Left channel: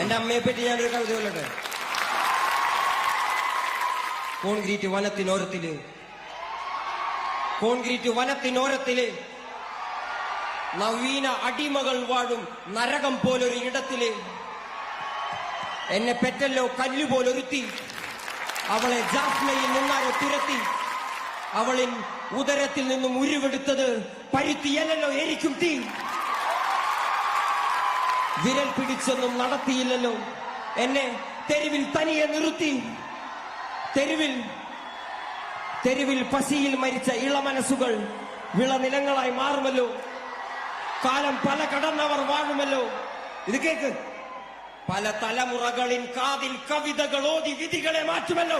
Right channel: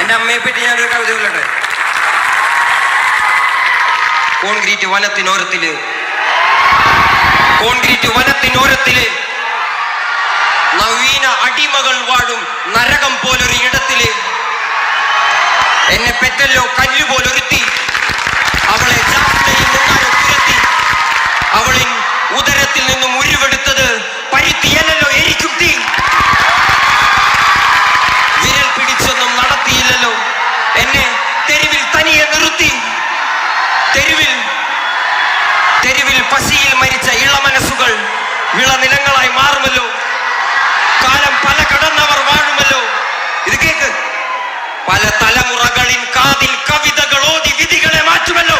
എന്റെ അമ്മയെ പറ്റി ഞാനൊരു കവിത ചൊല്ലട്ടെ. കോൺക്രീറ്റ് വനത്തിനോരത്തില് നവീന അടിമകൾ വാഴും നരകം പോലൊരു ഇടത്തില് എന്നെ പെറ്റല്ലോ കല്ലുപോലൊരുത്തി, അവളെ ജാഫ്നയിൽ നിന്നാലോ തുരത്തി, അവളിൻ ഉദരത്തിൽ നിന്നും ഉരുവെടുത്തത് പരുത്തിയല്ലോ എനിക്കും തീ. വിരൽ പിടിച്ചൊന്നും നടത്തിയില്ലല്ലോ എന്നെ തെരുവിൽ തനിയെ നിർത്തി. തെരുവിൽ പശിയിൽ മരിച്ച ഇളമനസ്സുകൾ വിളനിലങ്ങളായി മാറുമല്ലോ. കാലം പല കടന്നവർ വാഴുമല്ലോ. ഇത് കേക്ക്, പല തലമുറകളിൻ കാതിൽ കവിതകൾ ഓതി വിധികളെ മാറ്റുമല്ലോ.